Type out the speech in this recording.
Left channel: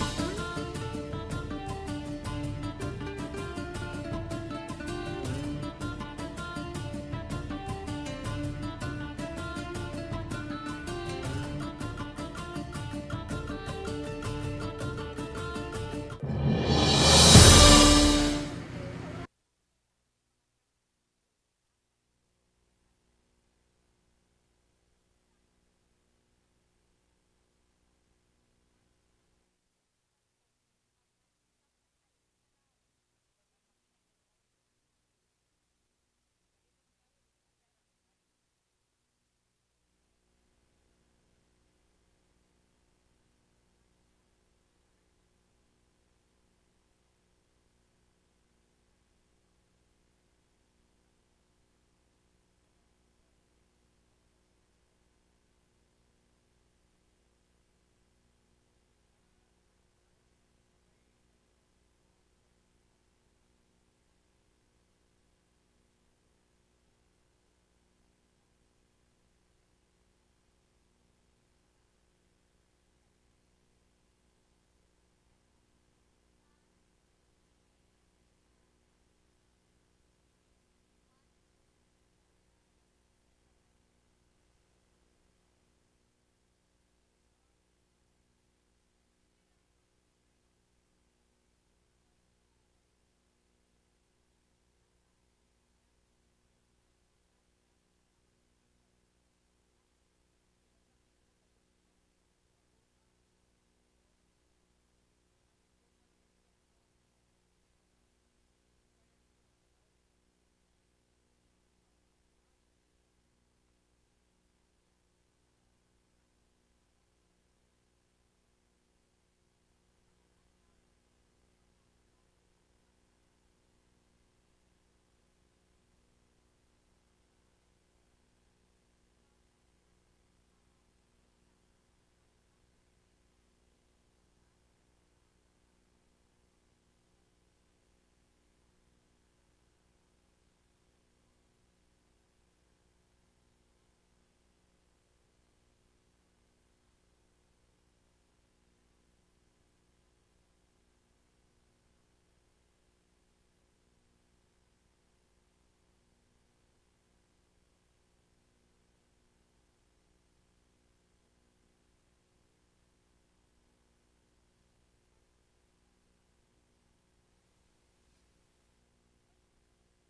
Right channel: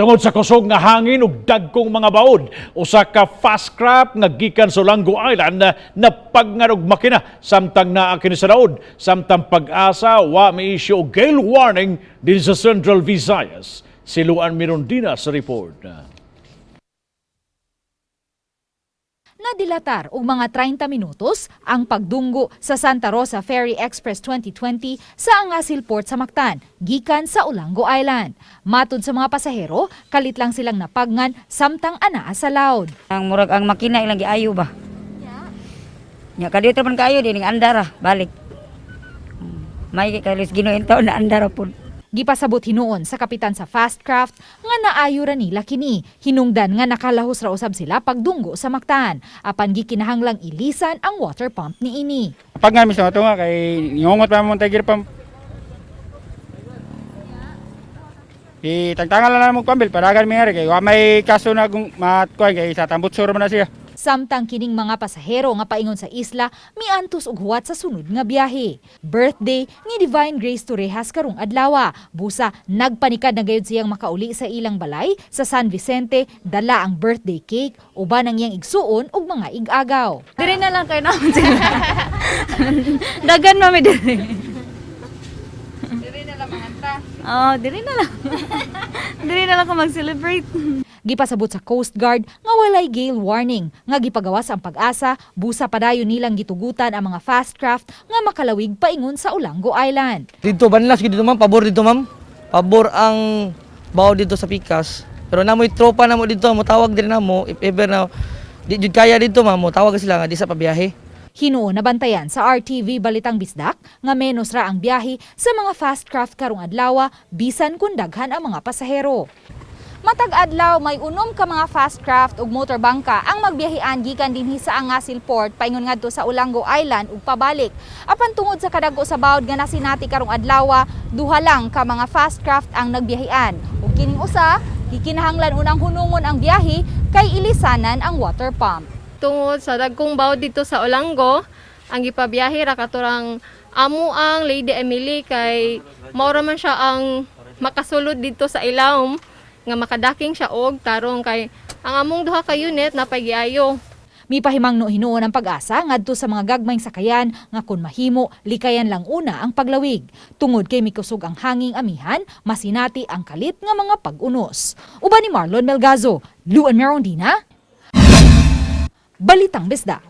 Tungod sa kusog nga hangin ug dagkong mga baod, usa ka fast craft nga gikan sa Olango Island na napagngad og makina samtang naa kini sa daod. Samtang pag-asa wa mi-issue og gale warning din sa Central Visayas. Si Luan Mirondina sa report. Dilatar og mga 30 minutos ang pagdunggo sa Santa Rosa Ferry Express 2020 sa Angasil Port sa Mactan, gikan sa Olango Island. Matud sa mga pasahero, kalit lang silang napagngan samtang anaa sa laod. Ang murag ang makina ilang giayo ba? Nya kadito man kaayo din andara balik. May kalis Ginoo taon na andara pud. Gipasabot hinuon sa kapitan sa fast craft nga naayo ra nila kini. Hinungdan nga nakalahos ra usab sila pagdunggo sa Mactan. Apan gikinahanglang ilisan ang water pump niini. Pag nga mismo ito nga kay ngungot pa mo tagir pump. Itagtangan lang mo pambil paragan mi kay wa may kaso na matkuan kay sa tambutsuro man na siya. Samtang kining mga pasahero nga paingon sa isla miantos og huwat sa sunod nga biyahe. Birthday ni Divine Grace Torrejas karong adlaw. Busa nagpanikad na gayud siyang makauli sa ilang balay sa San Vicente, dala ang birthday cake uban ang iyang igsuon ug mga igagaw. Diri na lang kayo naman sila. Dagan mami diri. Diri na lang mahanta. Oh, diri na lang. Diri na lang ko mag-celebrate. Gipasabot sa Coast Guard nga walay gale warning nga gipagawas ang pag-asa, busa padayon nilang gitugutan ang mga fast craft nga makalawig paingon sa Olango Island. Dito banlas dito ma'am, pabor dito ma'am. Pabor ang bawo dito sa Pikas. Pero namoy tropa namo dito, mo tawag din namo if ever na di jud kaya dito ma'am, mo tawag sila nga di sa pabiyahe. Hinuon na bantayan sa RTV Balitang Bisdak nga menos ra ang biyahe sa mga fast craft karong adlaw bisan kun daghan ang mga pasahero. Matag adlaw may unom ka mga fast craft ug motorbangka ang magbiyahean gikan dinhi sa Angasil Port paingon ngadto sa Olango Island ug pabalik. Apan tungod sa kadagko sa bawod nga nasinati karong adlaw, duha lang ka mga fast craft ang nagbiyahean. Ug kining usa, gikinahanglan unang hunungon ang biyahe kay ilisanan ang water pump. Tungod sa dagkong bawod dito sa Olango, ang gipabiyahe ra katurang amo ang Lady Emily kay mao ra man siya ang makasulod dito sa ilawom nga makadaking siya og tarong kay ang among duha ka unit napagiayo. Mipahimangno hinuon ang pag-asa ngadto sa mga gagmayng sakayan nga kun mahimo likayan lang una ang paglawig. Tungod kay mikusog ang hanging amihan, masinati ang kalit nga mga pag-unos. Uban ni Marlon Melgazo, Luan Mirondina, Balitang Bisdak.